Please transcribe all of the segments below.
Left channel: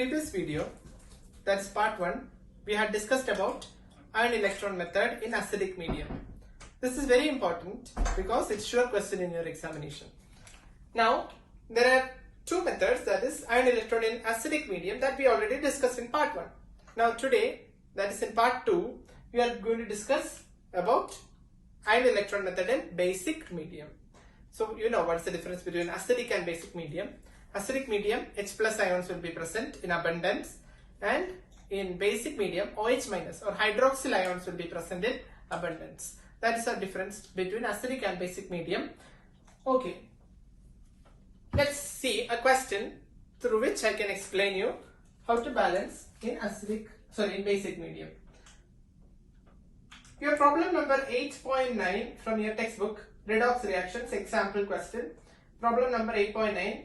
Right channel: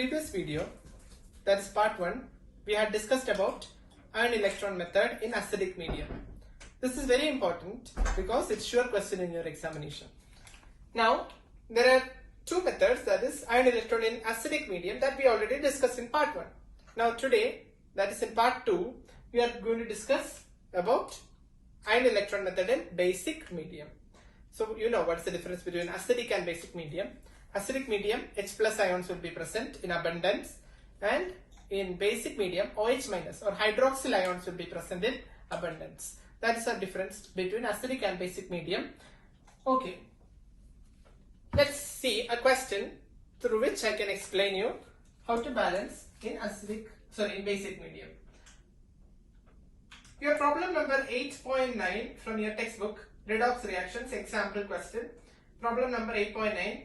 previous video, that is part 1, we had discussed about ion electron method in acidic medium. This is very important because it's sure question in your examination. Now, there are two methods, that is ion electron in acidic medium, that we already discussed in part 1. Now today, that is in part 2, we are going to discuss about ion electron method in basic medium. So you know what's the difference between acidic and basic medium. Acidic medium, H plus ions will be present in abundance, and in basic medium, OH minus or hydroxyl ions will be present in abundance. That is the difference between acidic and basic medium. Okay, let's see a question through which I can explain you how to balance in in basic medium. Your problem number 8.9 from your textbook, redox reactions, example question. Problem number 8.9.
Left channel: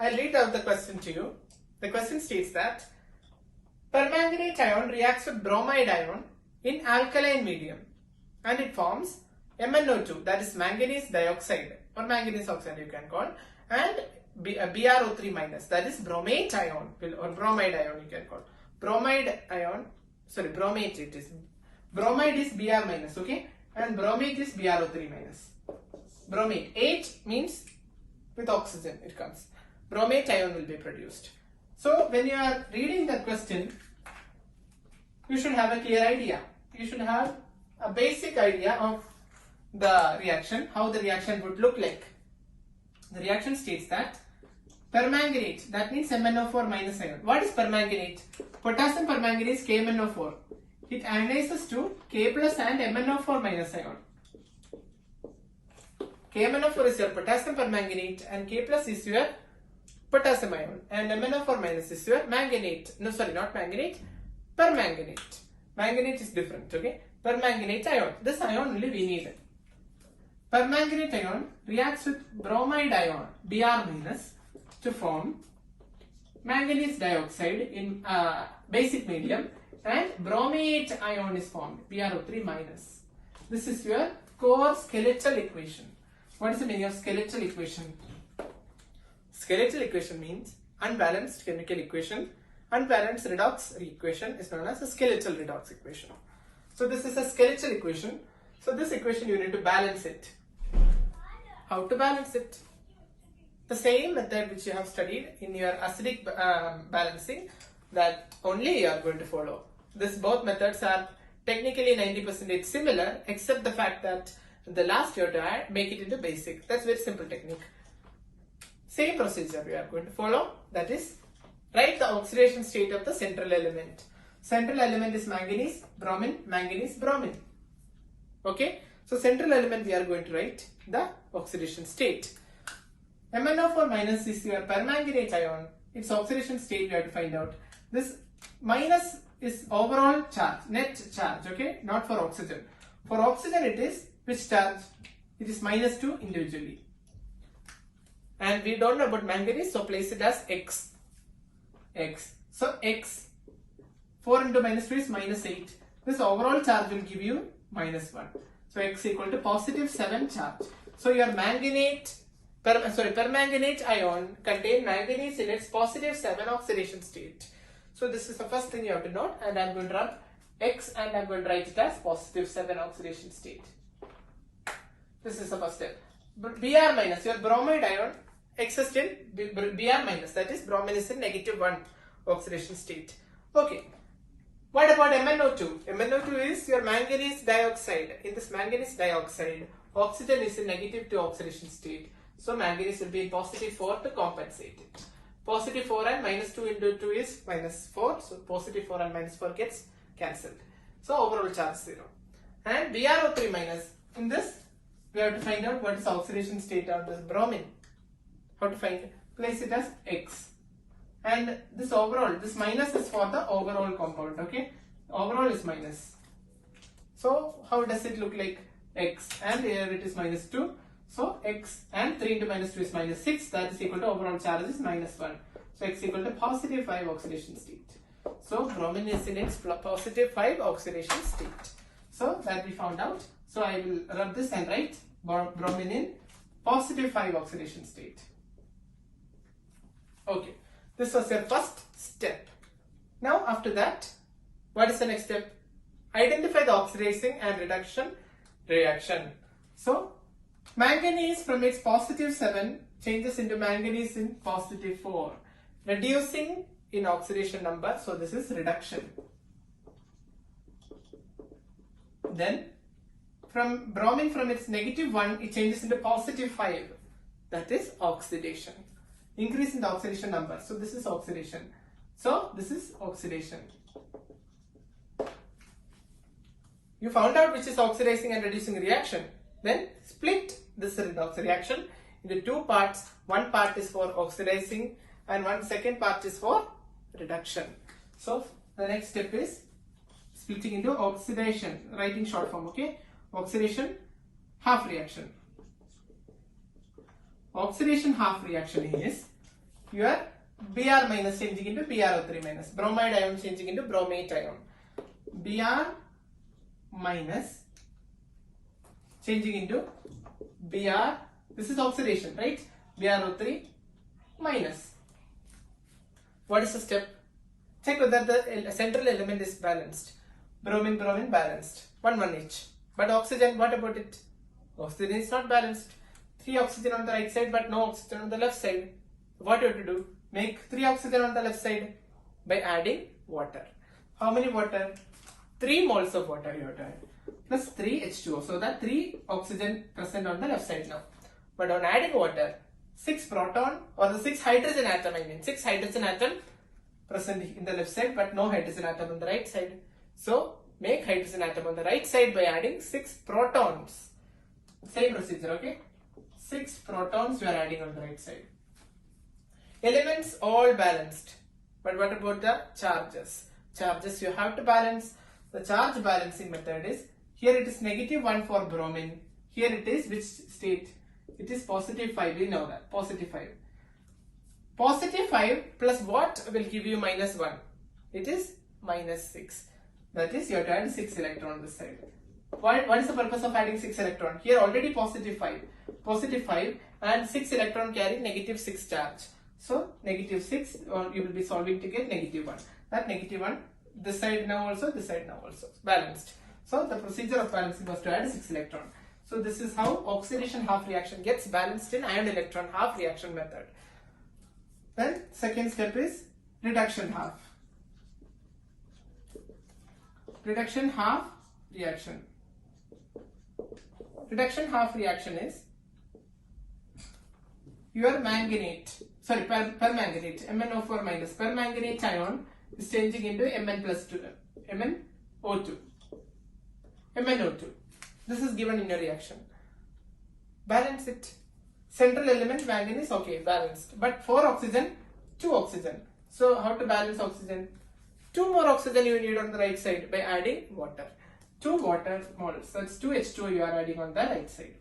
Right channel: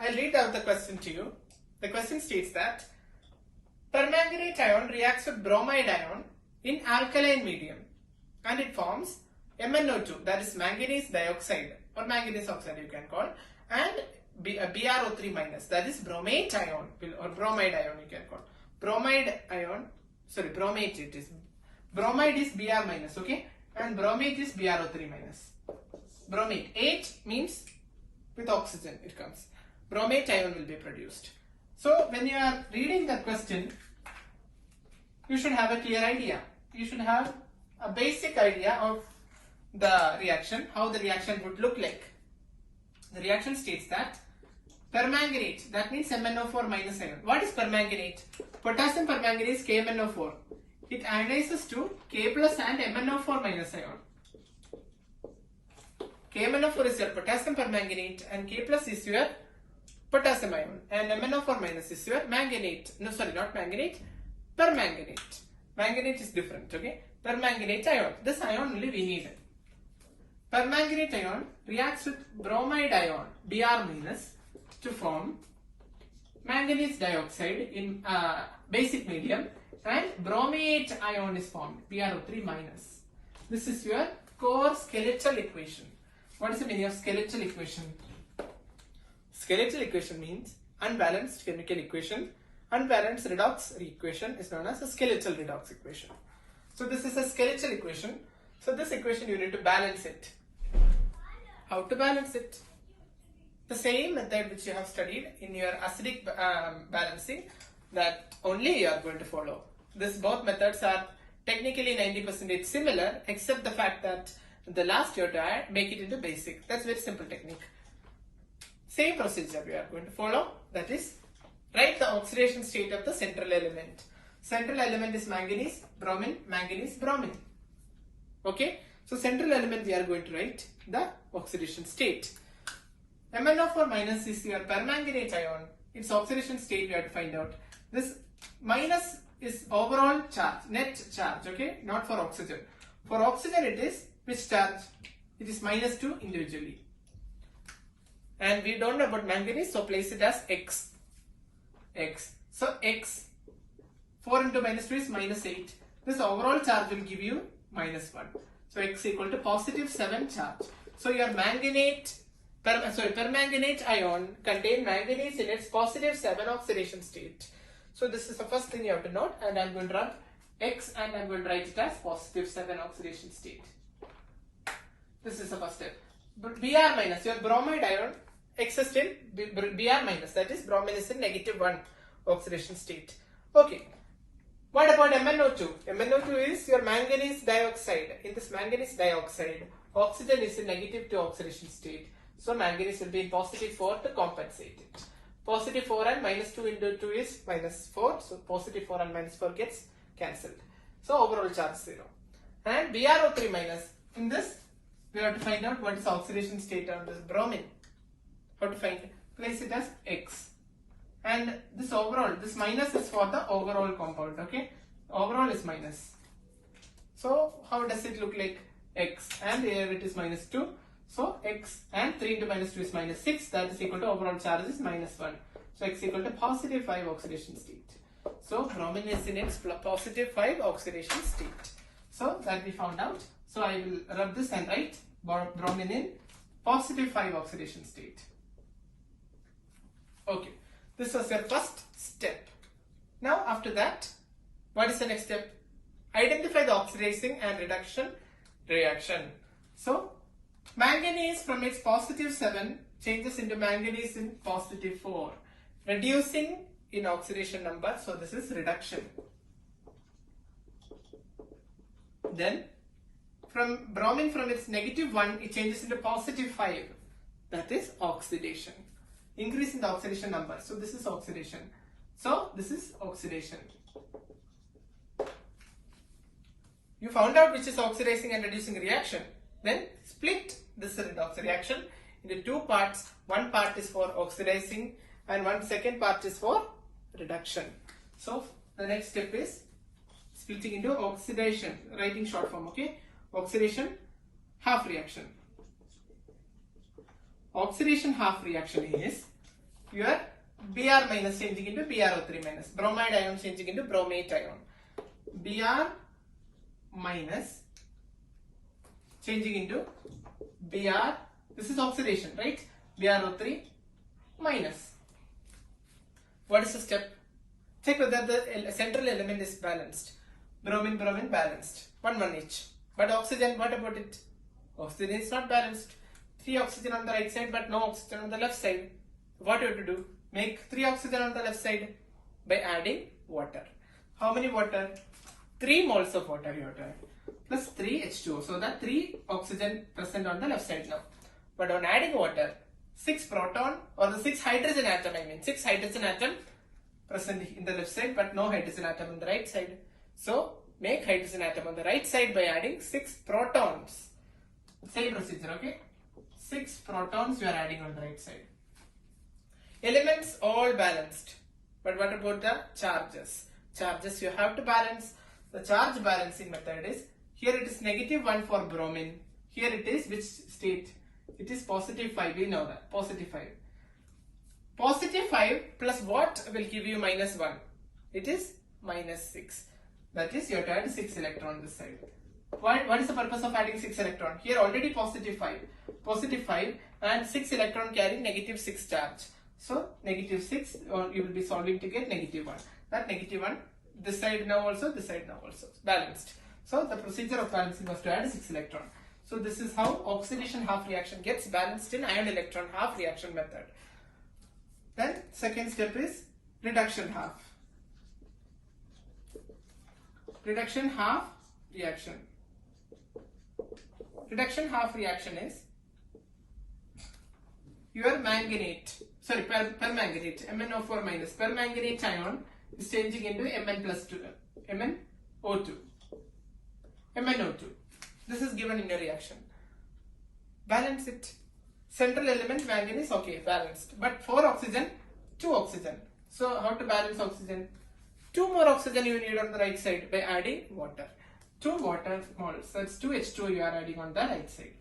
I'll read out the question to you. The question states that permanganate ion reacts with bromide ion in alkaline medium and it forms MnO2, that is manganese dioxide or manganese oxide you can call, and BrO3 minus, that is bromate ion or bromide ion you can call. Bromide it is. Bromide is Br minus, okay, and bromate is BrO3 minus. Bromate, 8 means with oxygen it comes. Bromate ion will be produced. So when you are reading the question, you should have a clear idea. You should have a basic idea of the reaction, how the reaction would look like. The reaction states that permanganate, that means MnO4 minus ion. What is permanganate? Potassium permanganate KMnO4. It ionizes to K plus and MnO4 minus ion. KMnO4 is your potassium permanganate and K plus is your potassium ion, and MnO4 minus is your manganate. No, sorry, not manganate, permanganate. Manganate is different, okay? Permanganate ion. This ion only we need it. Permanganate ion reacts with bromide ion, Br minus, to form manganese dioxide in basic medium, and bromate ion is formed, BrO3 minus. This is your core skeletal equation. What is the meaning of skeletal equation? Skeletal equation means unbalanced chemical equation. Unbalanced redox equation is known as a skeletal redox equation. So this is a skeletal equation. So this equation you need to balance it. How to balance it? The same method which you have studied in your acidic balancing, that only you are going to follow. Both methods are technically 90% similar, except the fact that the last you have to make it into basic. That's very simple technique. Same procedure we are going to follow, that is, write the oxidation state of the central element. Central element is manganese, bromine, manganese, bromine. Okay, so central element we are going to write the oxidation state. MnO4 minus is your permanganate ion. Its oxidation state we have to find out. This minus is overall charge, net charge, okay, not for oxygen. For oxygen it is which charge? It is -2 individually. And we don't know about manganese, so place it as X. So X, 4 into -2 is -8. This overall charge will give you -1. So X equal to +7 charge. So your permanganate ion contain manganese in its +7 oxidation state. So this is the first thing you have to note, and I'm going to run X and I'm going to write it as +7 oxidation state. This is the first step. Br minus, your bromide ion exists in Br minus, that is bromine is in -1 oxidation state. Okay. What about MnO2? MnO2 is your manganese dioxide. In this manganese dioxide, oxygen is in -2 oxidation state. So manganese will be in +4 to compensate it. +4 and -2 into 2 is -4. So +4 and -4 gets cancelled. So overall charge 0. And BrO3 minus, in this we have to find out what is the oxidation state of this bromine. How to find it? Place it as X. And this overall, this minus is for the overall compound, okay? Overall is minus. So how does it look like? X, and here it is -2. So X and 3 into -2 is -6, that is equal to overall charge is -1. So X equal to +5 oxidation state. So bromine is in its +5 oxidation state. So that we found out. So I will rub this and write bromine in +5 oxidation state. Okay, this was your first step. Now after that, what is the next step? Identify the oxidizing and reduction reaction. So manganese from its positive 7 changes into manganese in positive 4, reducing in oxidation number. So this is reduction. Then from bromine from its negative 1, it changes into positive 5. That is oxidation. Increase in the oxidation number. So this is oxidation. So this is oxidation. You found out which is oxidizing and reducing reaction. Then split this redox reaction into two parts. One part is for oxidizing and one second part is for reduction. So the next step is splitting into oxidation, writing short form, okay? Oxidation half reaction. Oxidation half reaction is your Br minus changing into BrO3 minus, bromide ion changing into bromate ion. Br minus changing into Br, this is oxidation, right? BrO3 minus. What is the step? Check whether the central element is balanced. Bromine, bromine balanced. 1 each. But oxygen, what about it? Oxygen is not balanced. 3 oxygen on the right side but no oxygen on the left side. What you have to do? Make 3 oxygen on the left side by adding water. How many water? 3 moles of water you have to add. Plus 3 H2O. So that 3 oxygen present on the left side now. But on adding water, 6 proton or the 6 hydrogen atom, 6 hydrogen atom present in the left side but no hydrogen atom on the right side. So make hydrogen atom on the right side by adding 6 protons. Same procedure, okay? 6 protons you are adding on the right side. Elements all balanced. But what about the charges? Charges you have to balance. The charge balancing method is, here it is -1 for bromine. Here it is which state? It is +5. We know that. +5. +5 plus what will give you -1? It is -6. That is, you have to add 6 electron this side. What is the purpose of adding 6 electron? Here already +5. +5 and 6 electron carry -6 charge. So -6, or you will be solving to get -1. That -1, this side now also, this side now also. Balanced. So the procedure of balancing was to add 6 electron. So this is how oxidation half reaction gets balanced in ion electron half reaction method. Then second step is reduction half. Reduction half reaction. Reduction half reaction is your manganate, sorry, permanganate, MnO4 minus, permanganate ion is changing into MnO2. This is given in a reaction. Balance it. Central element manganese, okay, balanced. But 4 oxygen, 2 oxygen. So how to balance oxygen? 2 more oxygen you need on the right side by adding water. 2 water moles. So it's 2 H2O you are adding on the right side.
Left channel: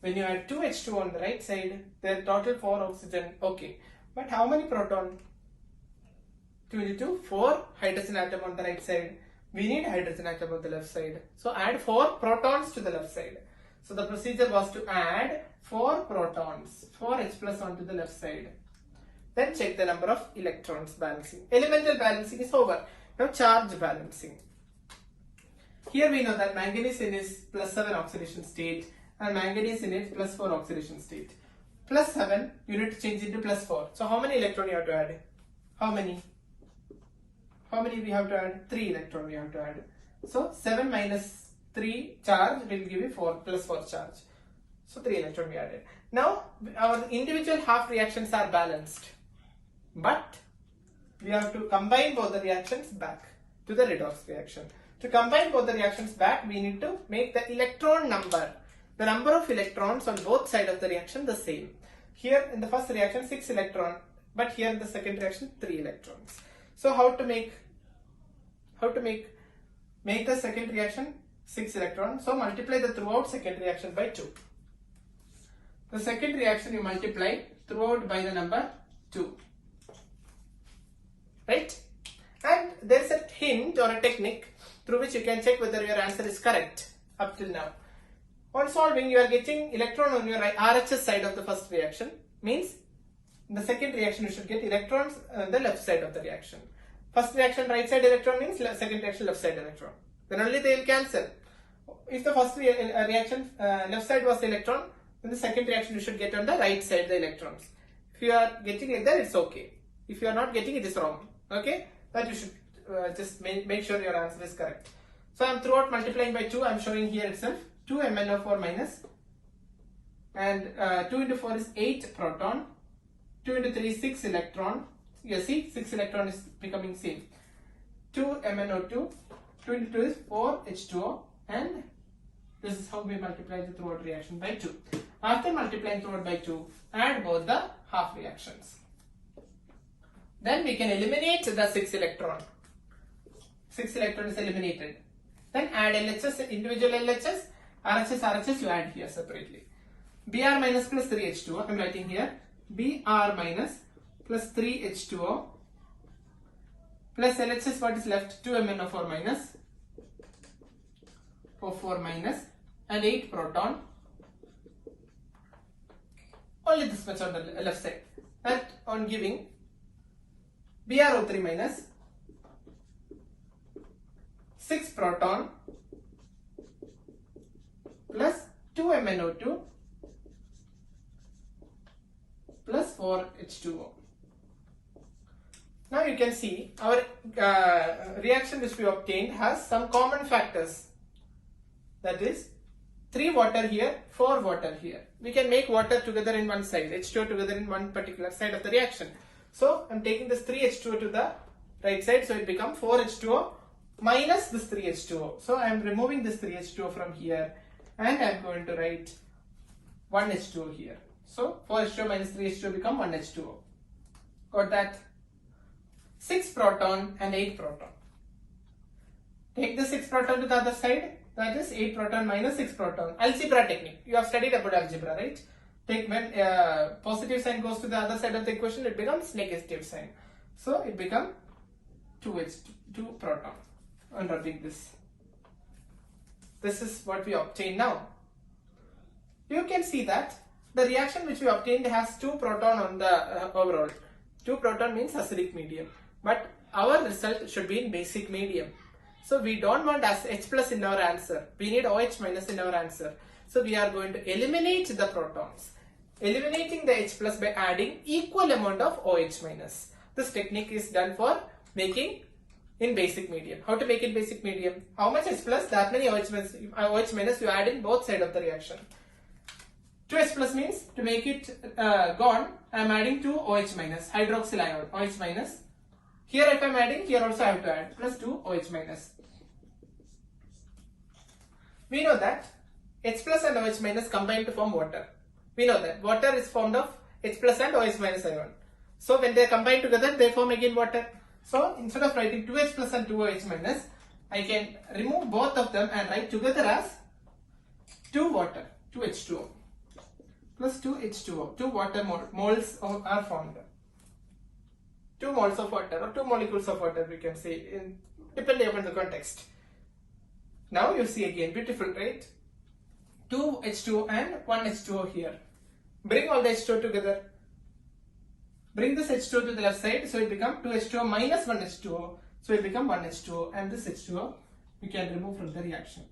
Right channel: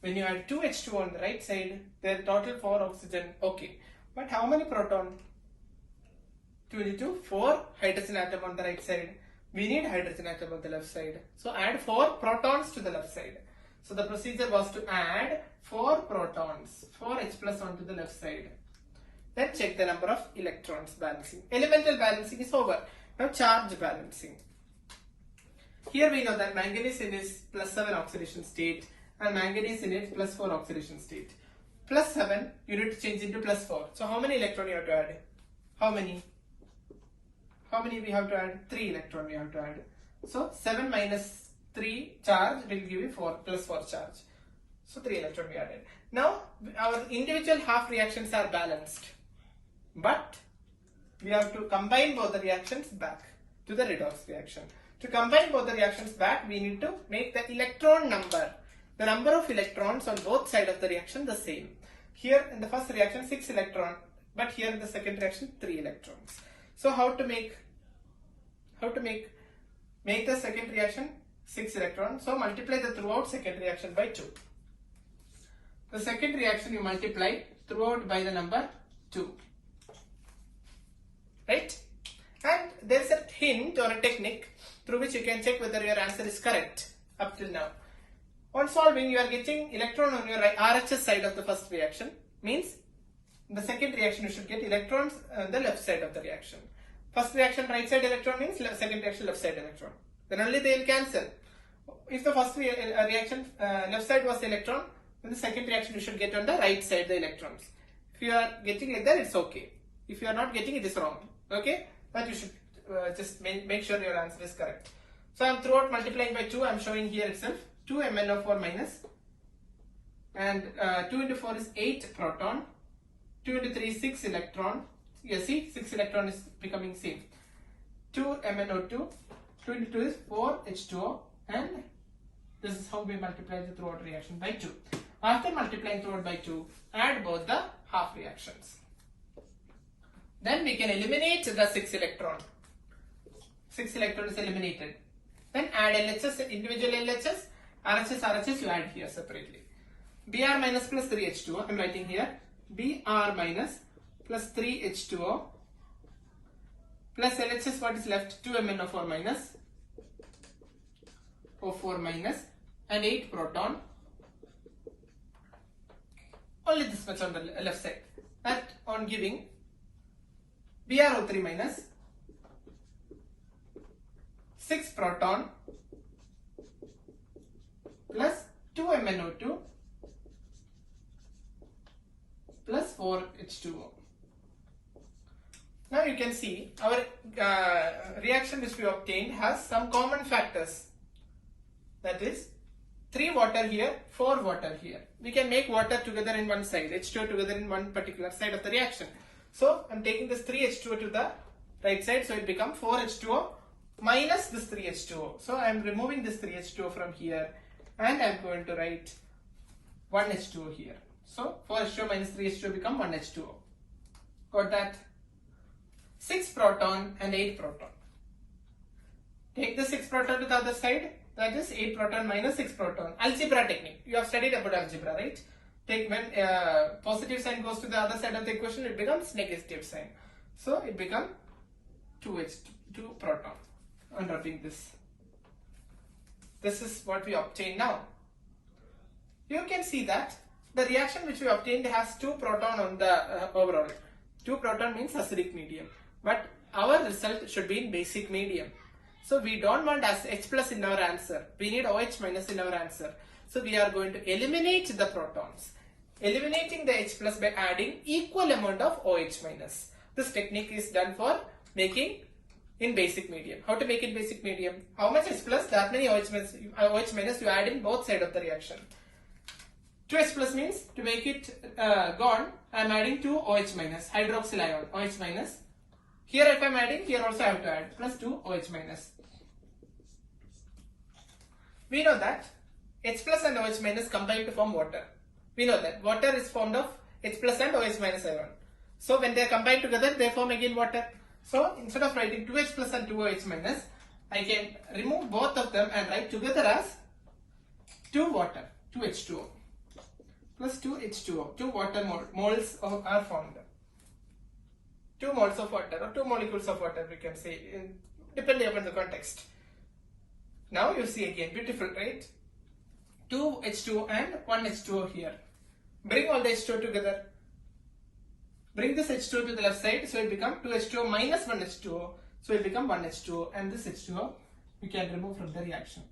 When you add 2 H2O on the right side, there total 4 oxygen, okay. But how many proton? 22, 4 hydrogen atom on the right side. We need hydrogen atom on the left side. So add 4 protons to the left side. So the procedure was to add 4 protons, 4 H plus onto the left side. Then check the number of electrons balancing. Elemental balancing is over. Now charge balancing. Here we know that manganese in its +7 oxidation state and manganese in its +4 oxidation state. +7 you need to change into +4. So how many electrons you have to add? How many? How many we have to add? 3 electrons we have to add. So 7 minus 3 charge will give you +4 charge. So 3 electrons we added. Now our individual half reactions are balanced. But we have to combine both the reactions back to the redox reaction. To combine both the reactions back, we need to make the electron number, the number of electrons on both sides of the reaction the same. Here in the first reaction 6 electrons, but here in the second reaction 3 electrons. So how to make the second reaction 6 electrons. So multiply the throughout second reaction by 2. The second reaction you multiply throughout by the number 2. Right? And there is a hint or a technique through which you can check whether your answer is correct up till now. On solving, you are getting electron on your RHS side of the first reaction. Means in the second reaction you should get electrons on the left side of the reaction. First reaction right side electron means second reaction left side electron. Then only they will cancel. If the first reaction left side was electron, then the second reaction you should get on the right side the electrons. If you are getting like that, it's okay. If you are not getting it, is wrong. Okay, but you should just make sure your answer is correct. So I am throughout multiplying by 2. I am showing here itself 2 MnO4 minus, and 2 into 4 is 8 proton, 2 into 3 is 6 electron. You see 6 electron is becoming same. 2 MnO2, 2 into 2 is 4 H2O, and this is how we multiply the throughout reaction by 2. After multiplying throughout by 2, add both the half reactions. Then we can eliminate the 6 electron. 6 electron is eliminated. Then add LHS, individual LHS, RHS, RHS you add here separately. Br minus plus 3 H2O, I am writing here. Br minus plus 3 H2O plus LHS, what is left? 2 MnO4 minus, O4 minus, and 8 proton. Only this much on the left side. That on giving BrO3 minus 6 proton plus 2 MnO2 plus 4 H2O. Now you can see our reaction which we obtained has some common factors. That is 3 water here, 4 water here. We can make water together in one side, H2O together in one particular side of the reaction. So I am taking this 3 H2O to the right side, so it becomes 4 H2O minus this 3 H2O. So I am removing this 3 H2O from here, and I am going to write 1 H2O here. So 4 H2O minus 3 H2O become 1 H2O. Got that? 6 proton and 8 proton. Take the 6 proton to the other side. That is 8 proton minus 6 proton. Algebra technique. You have studied about algebra, right? Take when positive sign goes to the other side of the equation, it becomes negative sign. So it becomes 2 proton. I'm writing this. This is what we obtain now. You can see that the reaction which we obtained has 2 proton on the overall. 2 proton means acidic medium. But our result should be in basic medium. So we don't want as H plus in our answer. We need OH minus in our answer. So we are going to eliminate the protons. Eliminating the H plus by adding equal amount of OH minus. This technique is done for making in basic medium. How to make it basic medium? How much H plus? That many OH minus you add in both sides of the reaction. 2 H plus means to make it gone, I am adding 2 OH minus, hydroxyl ion, OH minus. Here if I am adding, here also I have to add plus 2 OH minus. We know that H plus and OH minus combine to form water. We know that water is formed of H plus and OH minus ion. So when they combine together, they form again water. So instead of writing 2H plus and 2OH minus, I can remove both of them and write together as 2 water, 2H2O plus 2H2O. 2 water moles are formed. 2 moles of water or 2 molecules of water we can say, depending upon the context. Now you see again, beautiful, right? 2 H2O and 1 H2O here. Bring all the H2O together. Bring this H2O to the left side, so it becomes 2 H2O minus 1 H2O. So it becomes 1 H2O, and this H2O we can remove from the reaction.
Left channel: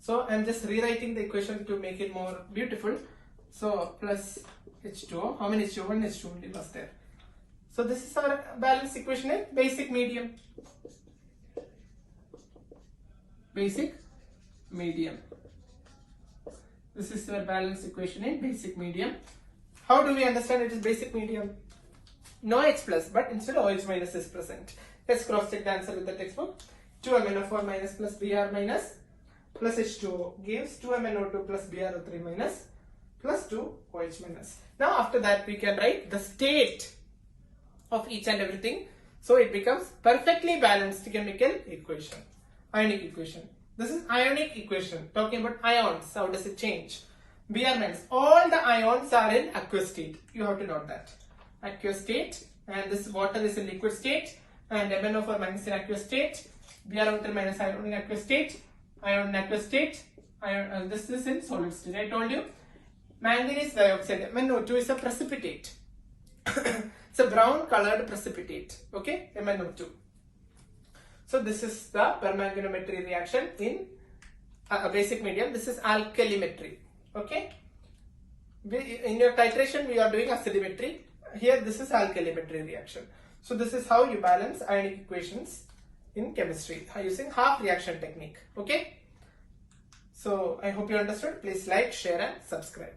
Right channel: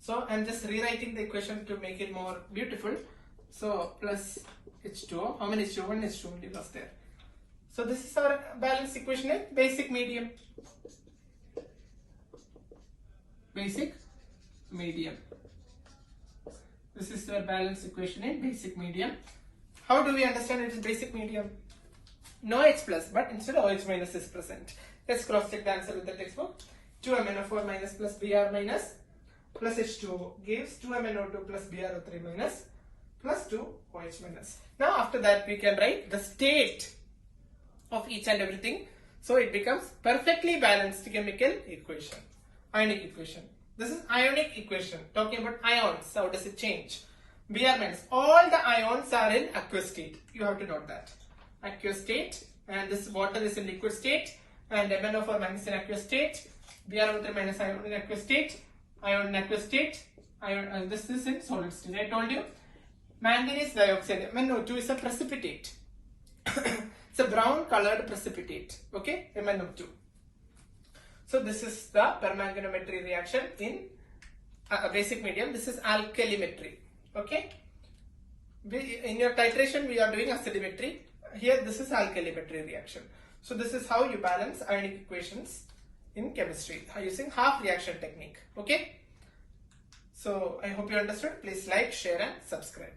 So I am just rewriting the equation to make it more beautiful. So plus H2O, how many H2O? 1 H2O only was there. So this is our balance equation in basic medium. Basic medium. This is your balance equation in basic medium. How do we understand it is basic medium? No H plus, but instead OH minus is present. Let's cross check the answer with the textbook. 2 MnO4 minus plus Br minus plus H2O gives 2 MnO2 plus BrO3 minus plus 2 OH minus. Now after that we can write the state of each and everything. So it becomes perfectly balanced chemical equation. Ionic equation. This is ionic equation. Talking about ions. How does it change? Br minus. All the ions are in aqueous state. You have to note that. Aqueous state. And this water is in liquid state. And MnO4 minus in aqueous state. BrO3 minus ion in aqueous state. Ion in aqueous state. Ion, this is in solid state. I told you. Manganese dioxide. MnO2 is a precipitate. It's a brown colored precipitate. Okay, MnO2. So this is the permanganometry reaction in a basic medium. This is alkalimetry. Okay. In your titration, we are doing acidimetry. Here, this is alkalimetry reaction. So this is how you balance ionic equations in chemistry using half reaction technique. Okay. So I hope you understood. Please like, share and subscribe.